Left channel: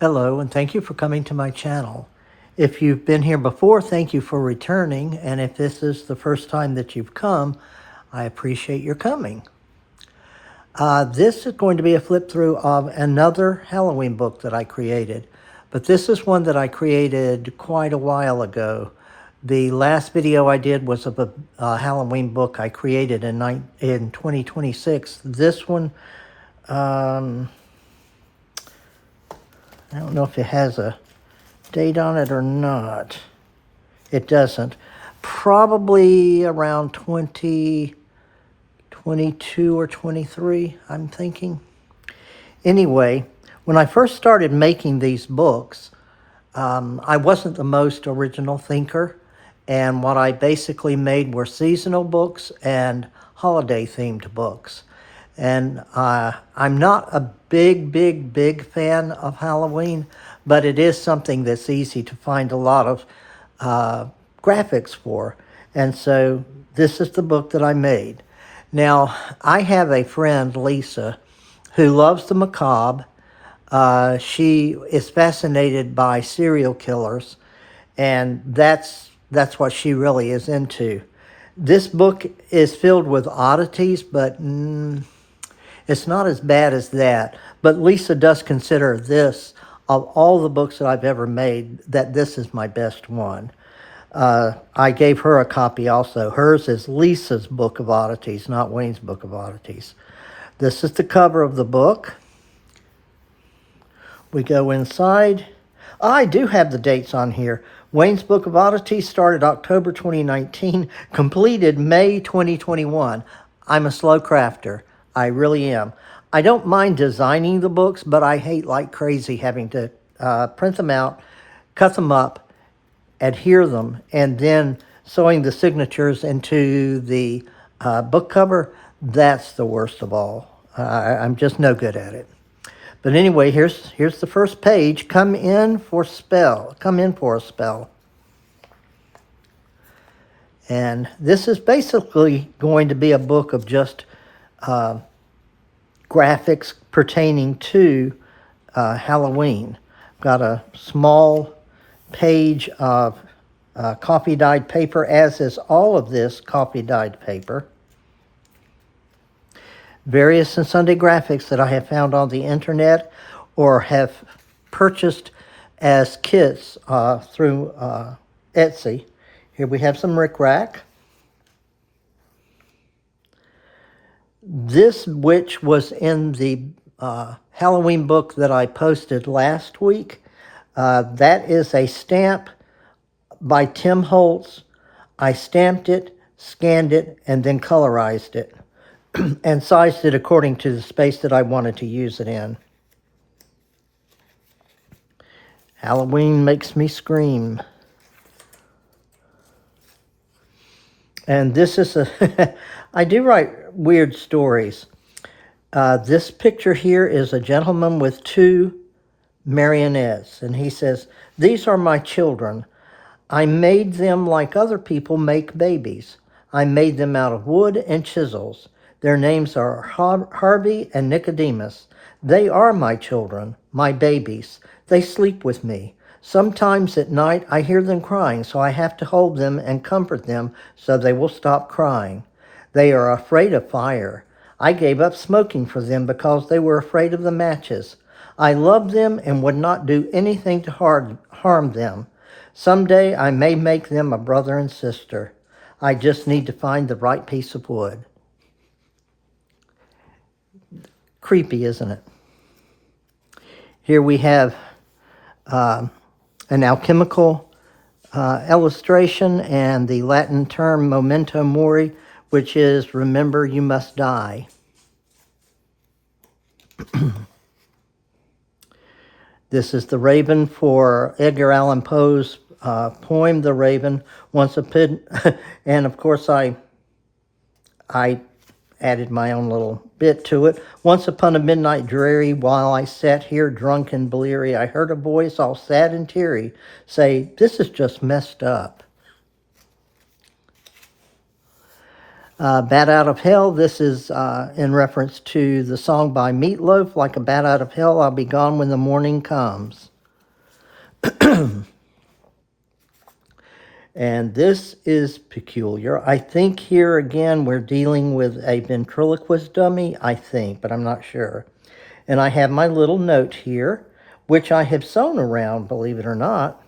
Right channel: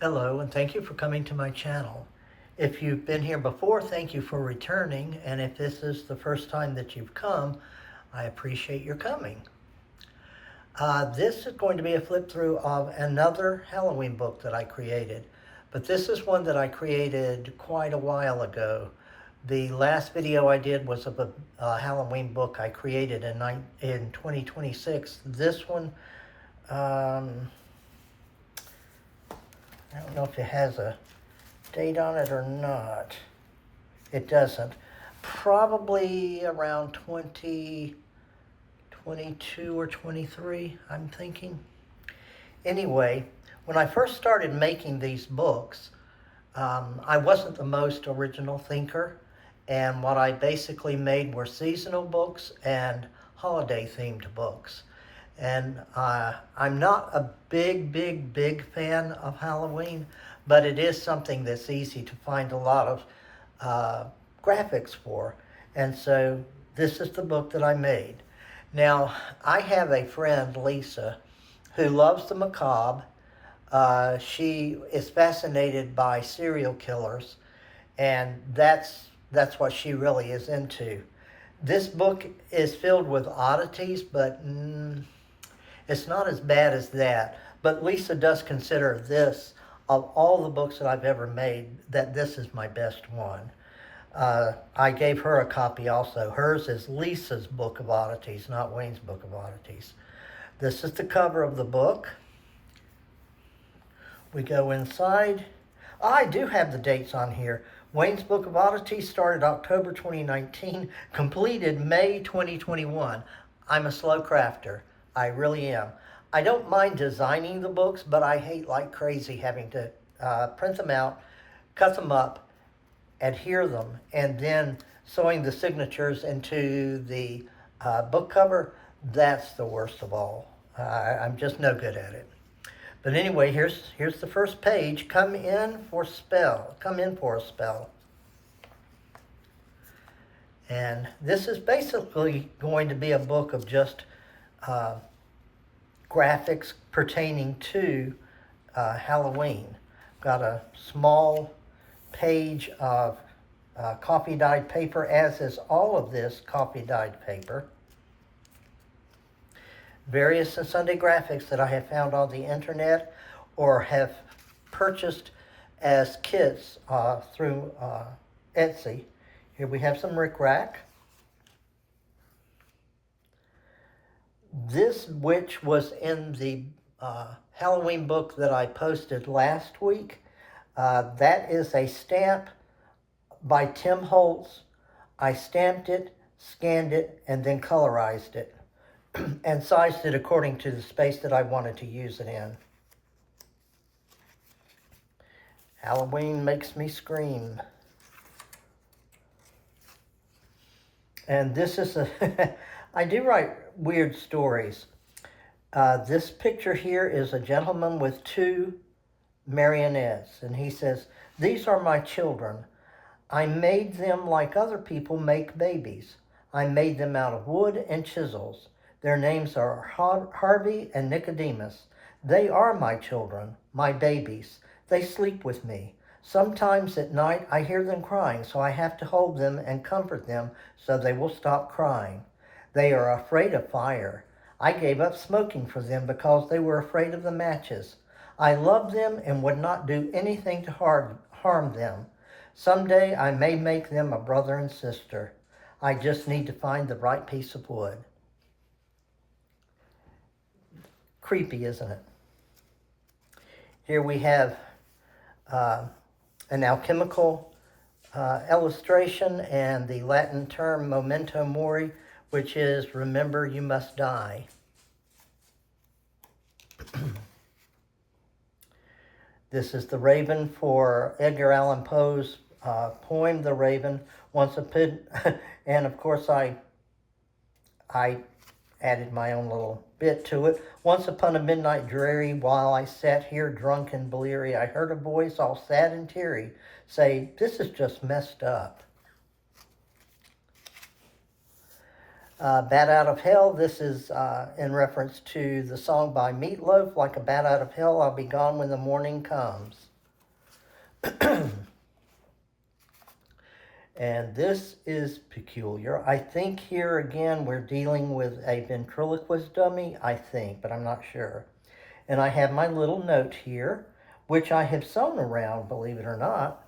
Hello, and thank you for coming to my channel. If you've been here before, thank you for returning, and if this is the first time that you've come, I appreciate your coming. This is going to be a flip through of another Halloween book that I created, but this is one that I created quite a while ago. The last video I did was of a Halloween book I created in 2026. This one, I don't know if it has a date on it or not. It doesn't. Probably around 2022 or 23, I'm thinking. Anyway, when I first started making these books, I wasn't the most original thinker, and what I basically made were seasonal books and holiday themed books. And I'm not a big fan of Halloween, but it is something that's easy to find a lot of graphics for. And so this is the book that I made. Now, I have a friend, Lisa, who loves the macabre. She is fascinated by serial killers, and that's what she really is into. This book is filled with oddities, but it's not as bad as that. But Lisa does consider this, of all the books that I've ever made, that this is my best one. I gave her a copy also. Hers is Lisa's Book of Oddities, not Wayne's Book of Oddities. This is the cover of the book. We go inside. I do have the dates on here. Wayne's Book of Oddities started October 2019, completed May 2021. I'm a slow crafter. I really am. I don't mind designing the books, but I hate like crazy having to print them out, cut them up, adhere them, and then sewing the signatures into the book cover. That's the worst of all. I'm just no good at it. But anyway, here's the first page. Come in for a spell. And this is basically going to be a book of just graphics pertaining to Halloween. Got a small page of coffee dyed paper, as is all of this coffee dyed paper. Various and Sunday graphics that I have found on the internet or have purchased as kits through Etsy. Here we have some rickrack. This, which was in the Halloween book that I posted last week, that is a stamp by Tim Holtz. I stamped it, scanned it, and then colorized it and sized it according to the space that I wanted to use it in. Halloween makes me scream. And this is I do write weird stories. This picture here is a gentleman with two marionettes, and he says, "These are my children. I made them like other people make babies. I made them out of wood and chisels. Their names are Harvey and Nicodemus. They are my children, my babies. They sleep with me. Sometimes at night I hear them crying, so I have to hold them and comfort them so they will stop crying. They are afraid of fire. I gave up smoking for them because they were afraid of the matches. I love them and would not do anything to harm them. Someday I may make them a brother and sister. I just need to find the right piece of wood." Creepy, isn't it? Here we have an alchemical illustration and the Latin term memento mori, which is remember you must die. This is the Raven for Edgar Allan Poe's poem, The Raven. And of course I added my own little bit to it. "Once upon a midnight dreary, while I sat here drunk and bleary, I heard a voice all sad and teary say, 'This is just messed up.'" Bat Out of Hell, this is in reference to the song by Meatloaf, Like a Bat Out of Hell, I'll Be Gone When the Morning Comes. And this is peculiar. I think here again we're dealing with a ventriloquist dummy, I think, but I'm not sure. And I have my little note here, which I have sewn around, believe it or not.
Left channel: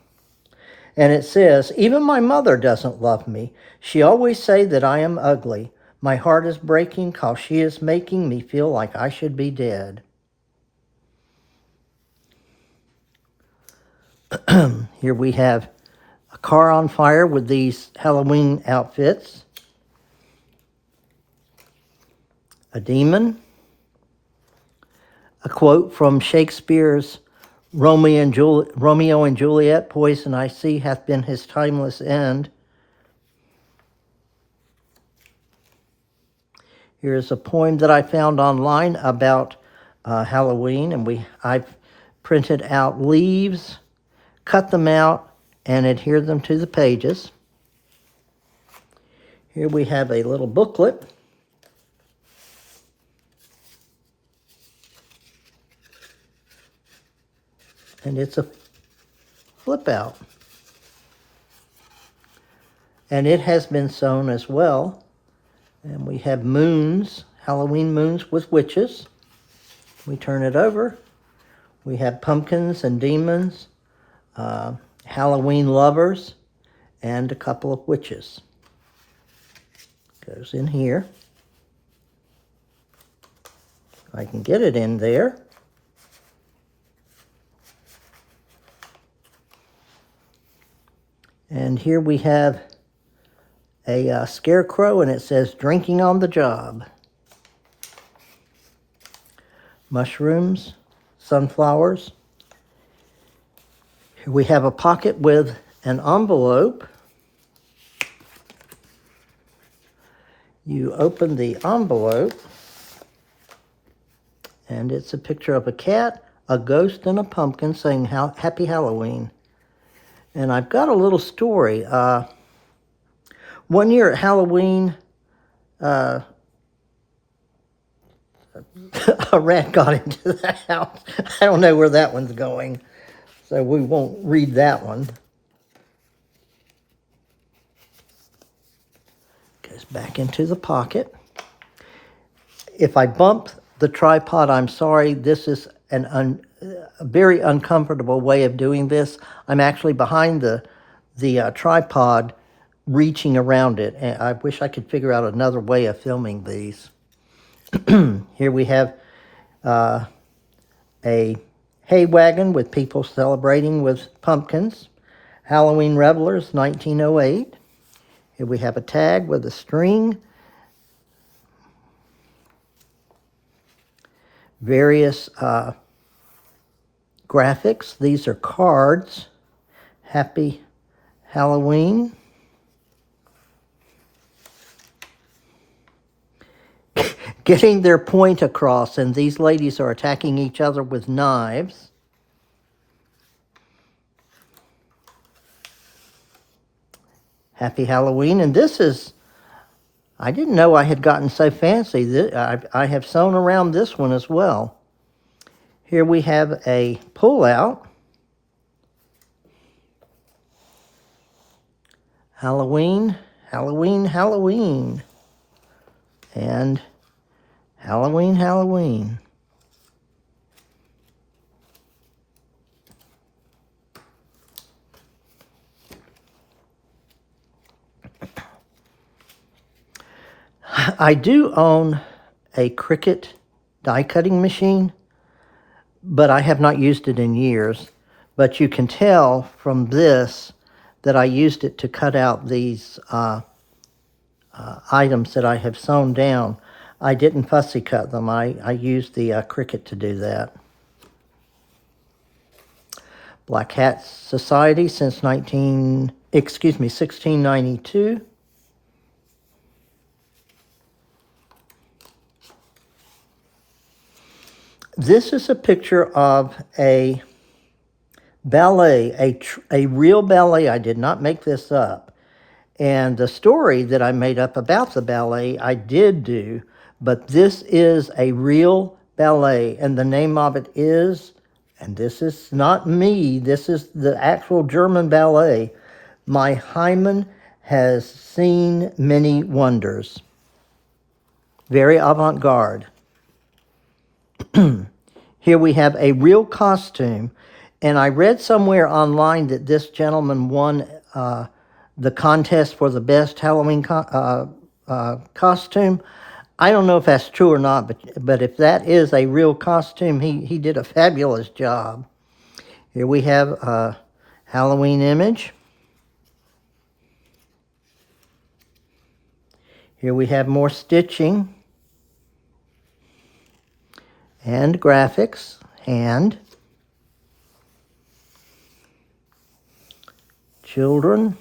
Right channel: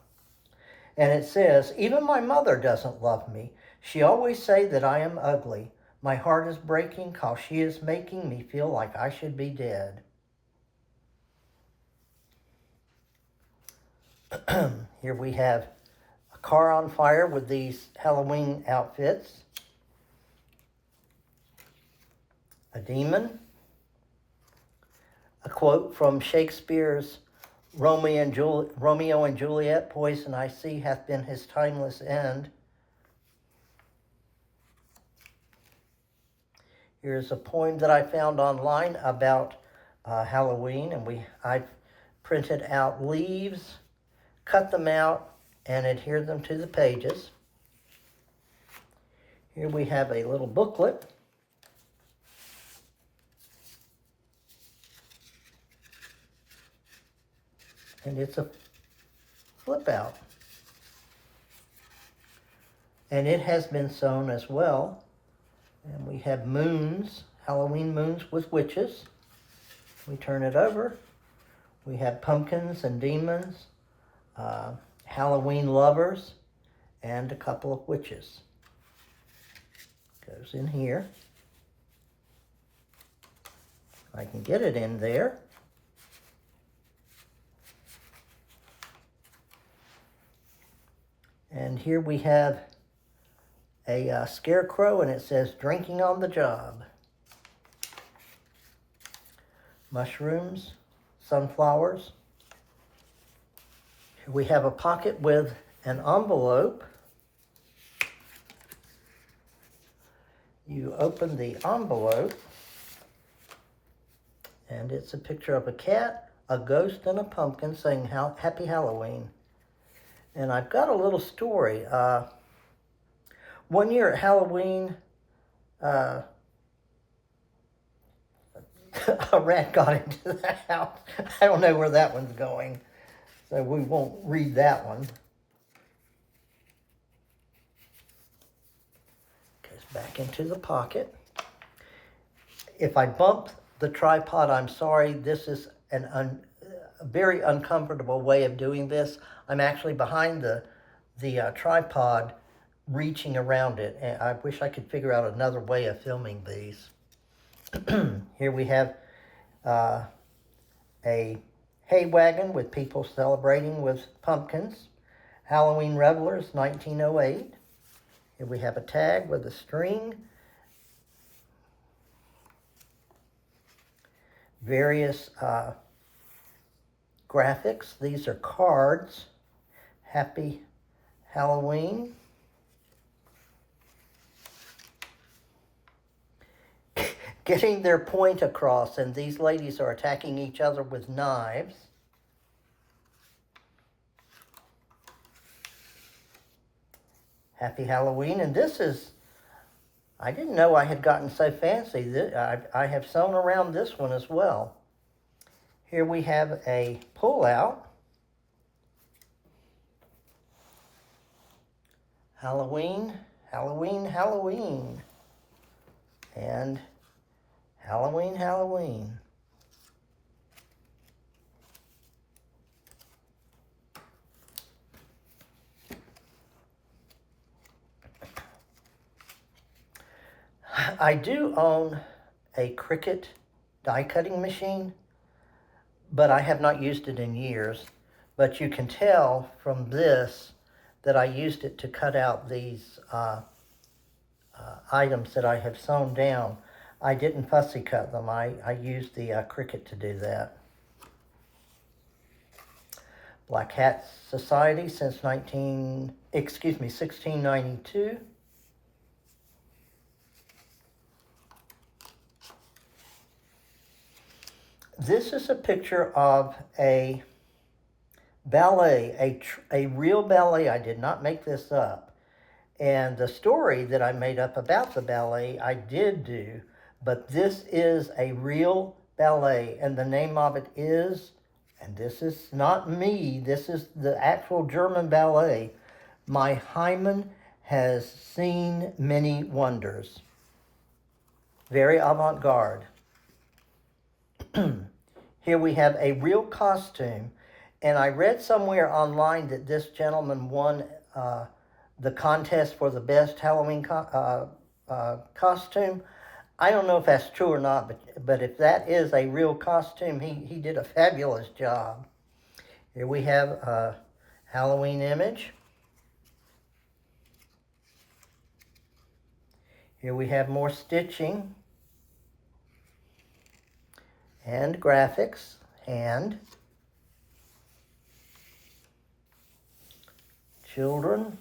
And it says, even my mother doesn't love me. She always say that I am ugly. My heart is breaking 'cause she is making me feel like I should be dead. Here we have a car on fire with these Halloween outfits. A demon. A quote from Shakespeare's Romeo and Juliet, poison I see hath been his timeless end. Here's a poem that I found online about Halloween, and I've printed out leaves, cut them out, and adhered them to the pages. Here we have a little booklet. And it's a flip out. And it has been sewn as well. And we have moons, Halloween moons with witches. We turn it over. We have pumpkins and demons, Halloween lovers, and a couple of witches. Goes in here. I can get it in there. And here we have a scarecrow, and it says, drinking on the job. Mushrooms, sunflowers. Here we have a pocket with an envelope. You open the envelope, and it's a picture of a cat, a ghost, and a pumpkin saying, Happy Halloween. And I've got a little story. One year at Halloween, a rat got into the house. I don't know where that one's going, so we won't read that one. Goes back into the pocket. If I bump the tripod, I'm sorry. This is a very uncomfortable way of doing this. I'm actually behind the tripod, reaching around it, and I wish I could figure out another way of filming these. Here we have a hay wagon with people celebrating with pumpkins. Halloween Revelers, 1908. Here we have a tag with a string. Various graphics. These are cards. Happy Halloween. Getting their point across, and these ladies are attacking each other with knives. Happy Halloween. And this is, I didn't know I had gotten so fancy. I have sewn around this one as well. Here we have a pull-out. Halloween, Halloween, Halloween. And Halloween, Halloween. I do own a Cricut die cutting machine, but I have not used it in years. But you can tell from this that I used it to cut out these items that I have sewn down. I didn't fussy cut them. I used the Cricut to do that. Black Hat Society since 1692. This is a picture of a ballet, a real ballet. I did not make this up. And the story that I made up about the ballet, I did do, but this is a real ballet, and the name of it is, and this is not me, this is the actual German ballet, My Hymen Has Seen Many Wonders. Very avant-garde. Here we have a real costume, and I read somewhere online that this gentleman won the contest for the best Halloween costume. I don't know if that's true or not, but if that is a real costume, he did a fabulous job. Here we have a Halloween image. Here we have more stitching and graphics and children.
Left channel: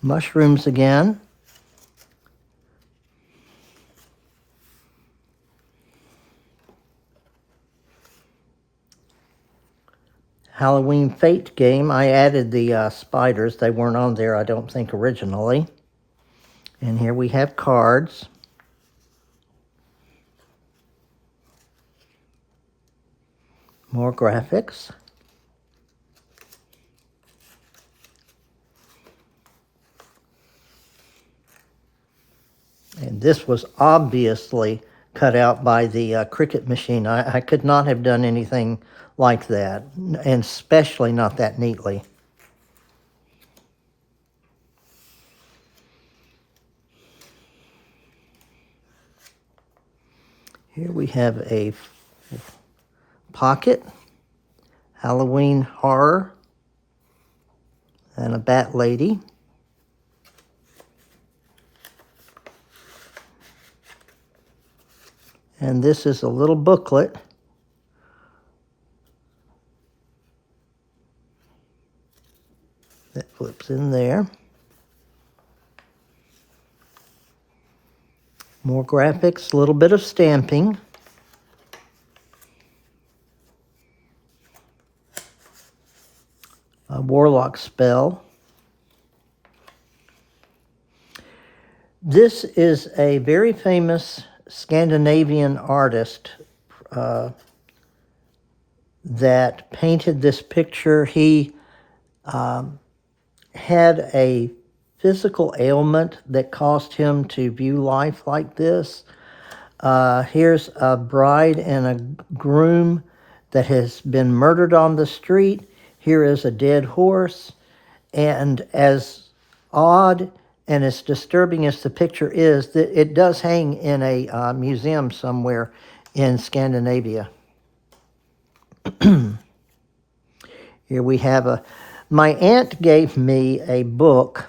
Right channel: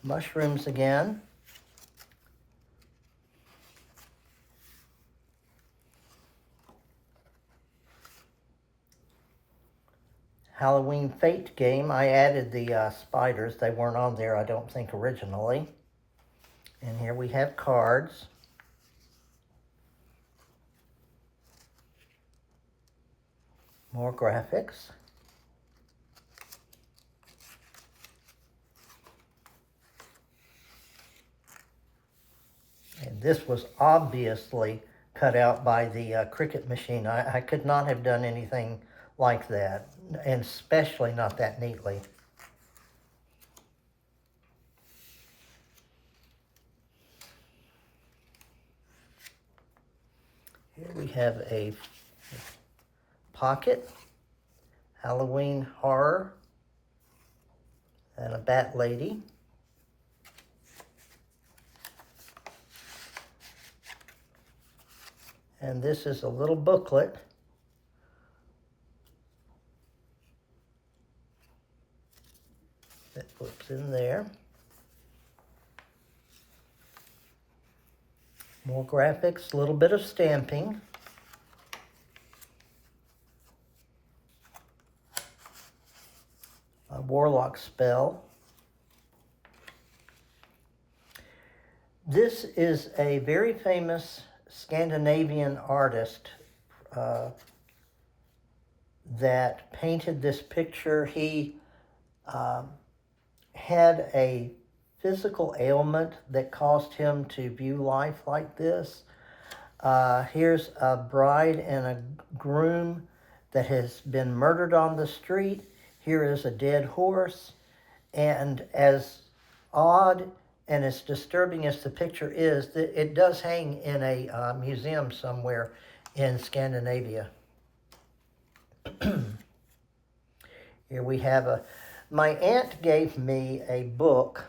Mushrooms again. Halloween Fate game. I added the spiders. They weren't on there, I don't think, originally. And here we have cards. More graphics. And this was obviously cut out by the Cricut machine. I could not have done anything like that, and especially not that neatly. Here we have a pocket, Halloween horror, and a bat lady. And this is a little booklet that flips in there. More graphics, a little bit of stamping. A warlock spell. This is a very famous Scandinavian artist that painted this picture. He had a physical ailment that caused him to view life like this. Here's a bride and a groom that has been murdered on the street. Here is a dead horse. And as odd and as disturbing as the picture is, that it does hang in a museum somewhere in Scandinavia. Here we have my aunt gave me a book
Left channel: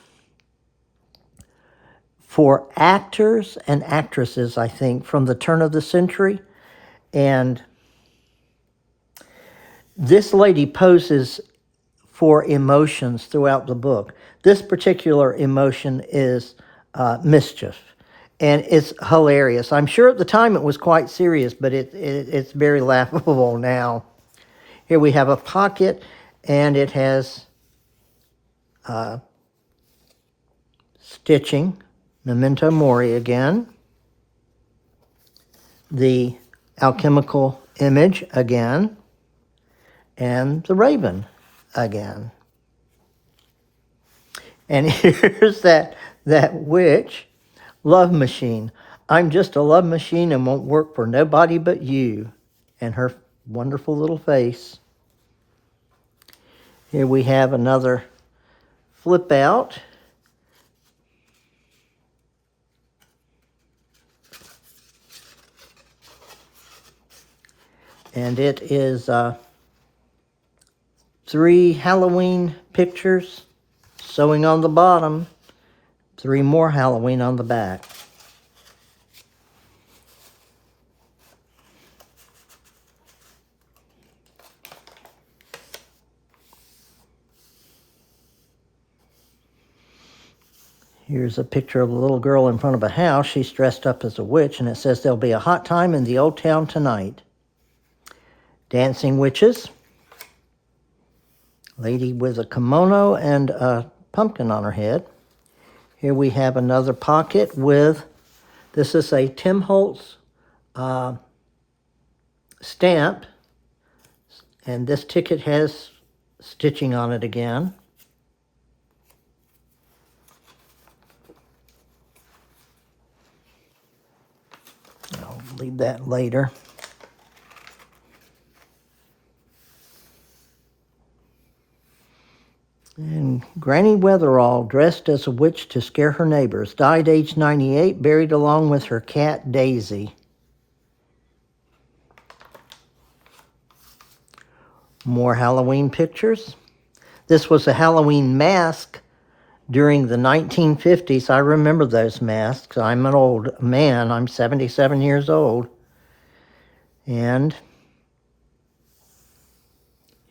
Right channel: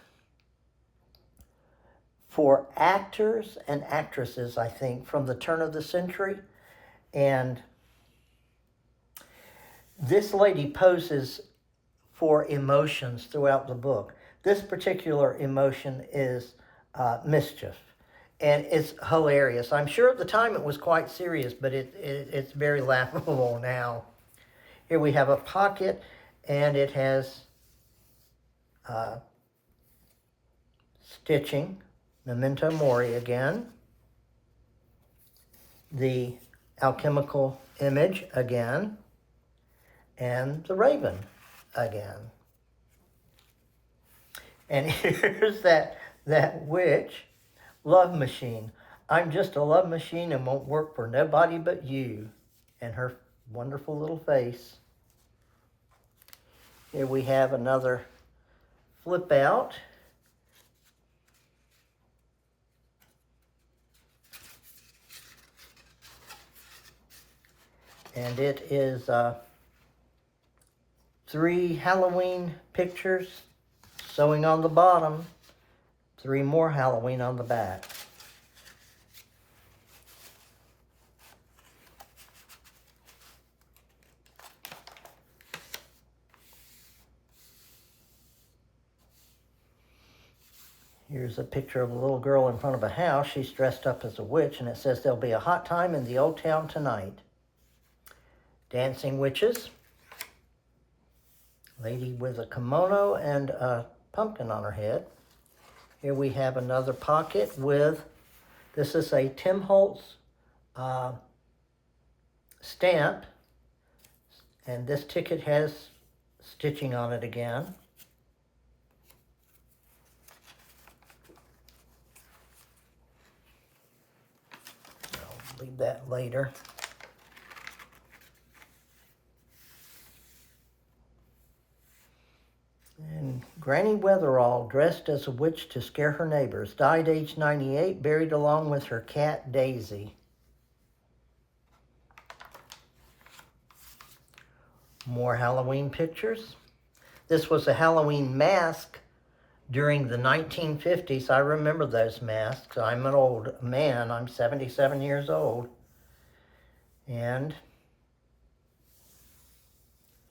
for actors and actresses, I think, from the turn of the century. And this lady poses for emotions throughout the book. This particular emotion is mischief, and it's hilarious. I'm sure at the time it was quite serious, but it's very laughable now. Here we have a pocket, and it has stitching, memento mori again, the alchemical image again, and the raven again. And here's that witch love machine. I'm just a love machine and won't work for nobody but you. And her wonderful little face. Here we have another flip out. And it is 3 Halloween pictures sewing on the bottom, 3 more Halloween on the back. Here's a picture of a little girl in front of a house. She's dressed up as a witch, and it says, "There'll be a hot time in the old town tonight." Dancing witches. Lady with a kimono and a pumpkin on her head. Here we have another pocket with, this is a Tim Holtz stamp, and this ticket has stitching on it again. I'll leave that later. And Granny Weatherall, dressed as a witch to scare her neighbors, died age 98, buried along with her cat Daisy. More Halloween pictures. This was a Halloween mask during the 1950s. I remember those masks. I'm an old man. I'm 77 years old. And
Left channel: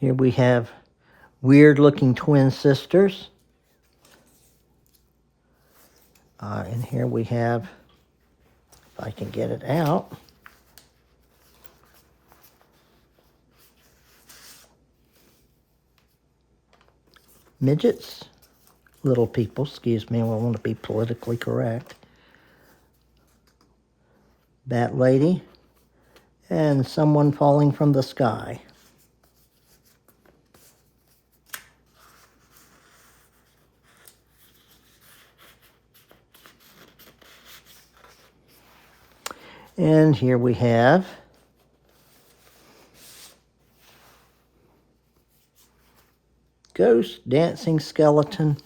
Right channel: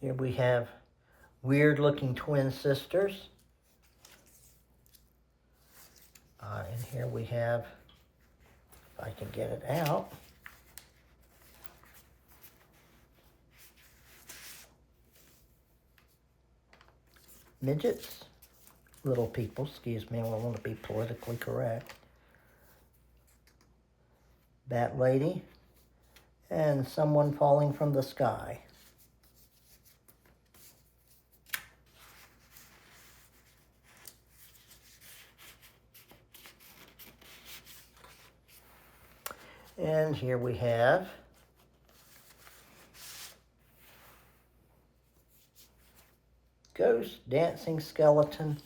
here we have weird-looking twin sisters. And here we have, if I can get it out, midgets, little people, excuse me, I want to be politically correct. Bat lady, and someone falling from the sky. And here we have ghost, dancing skeleton.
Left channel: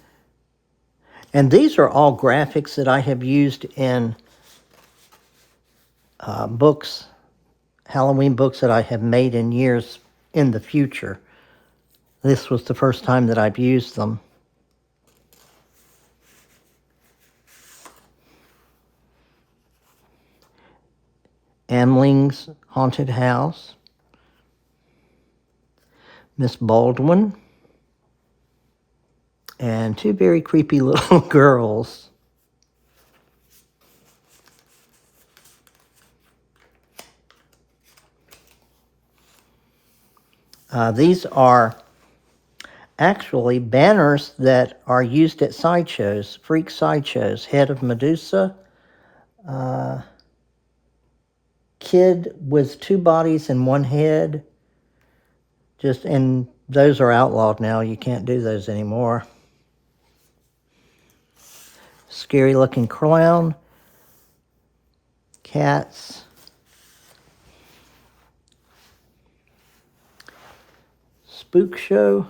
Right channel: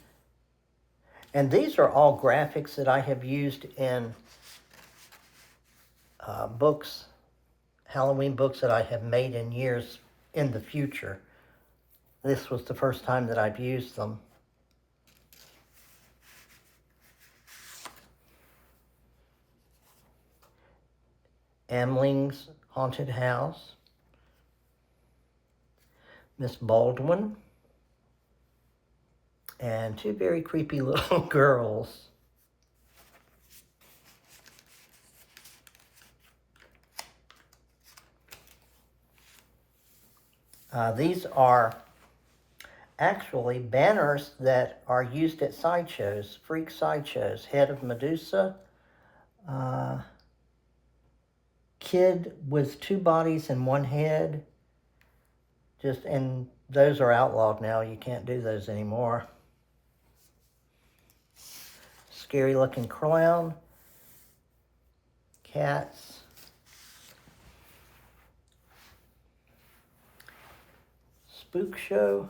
And these are all graphics that I have used in books, Halloween books that I have made in years in the future. This was the first time that I've used them. Amling's Haunted House. Miss Baldwin. And two very creepy little girls. These are actually banners that are used at sideshows, freak sideshows. Head of Medusa, kid with two bodies and one head. And those are outlawed now. You can't do those anymore. Scary looking clown, cats, spook show,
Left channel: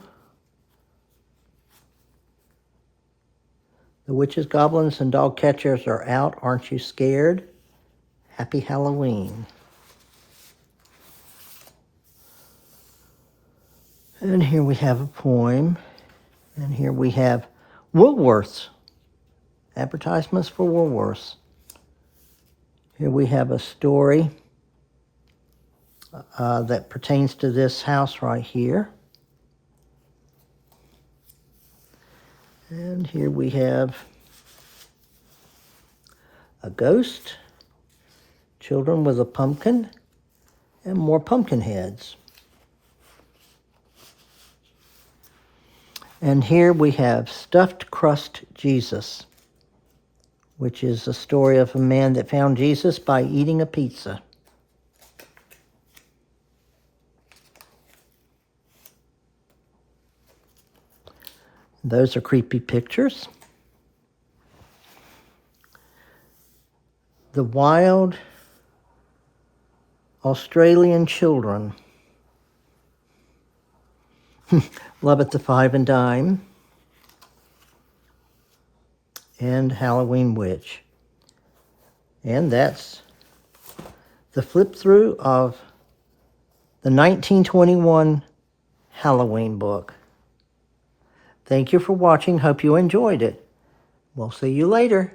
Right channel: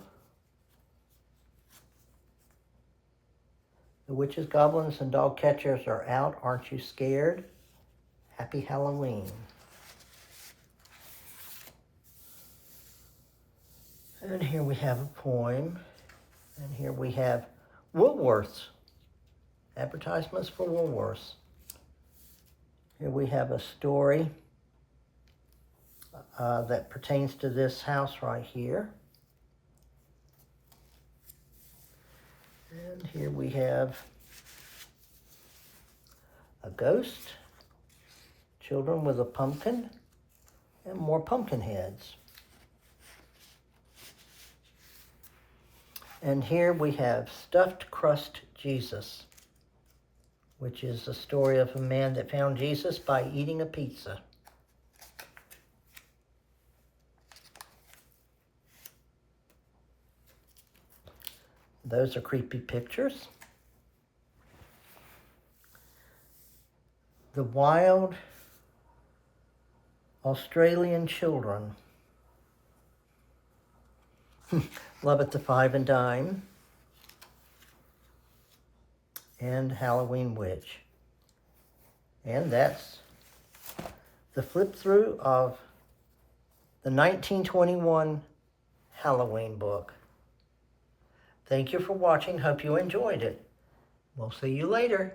the witches, goblins, and dog catchers are out. Aren't you scared? Happy Halloween. And here we have a poem. And here we have Woolworths. Advertisements for Woolworths. Here we have a story that pertains to this house right here. And here we have a ghost, children with a pumpkin, and more pumpkin heads. And here we have Stuffed Crust Jesus, which is a story of a man that found Jesus by eating a pizza. Those are creepy pictures. The Wild Australian Children. Love at the Five and Dime. And Halloween Witch. And that's the flip through of the 1921 Halloween book. Thank you for watching. Hope you enjoyed it. We'll see you later.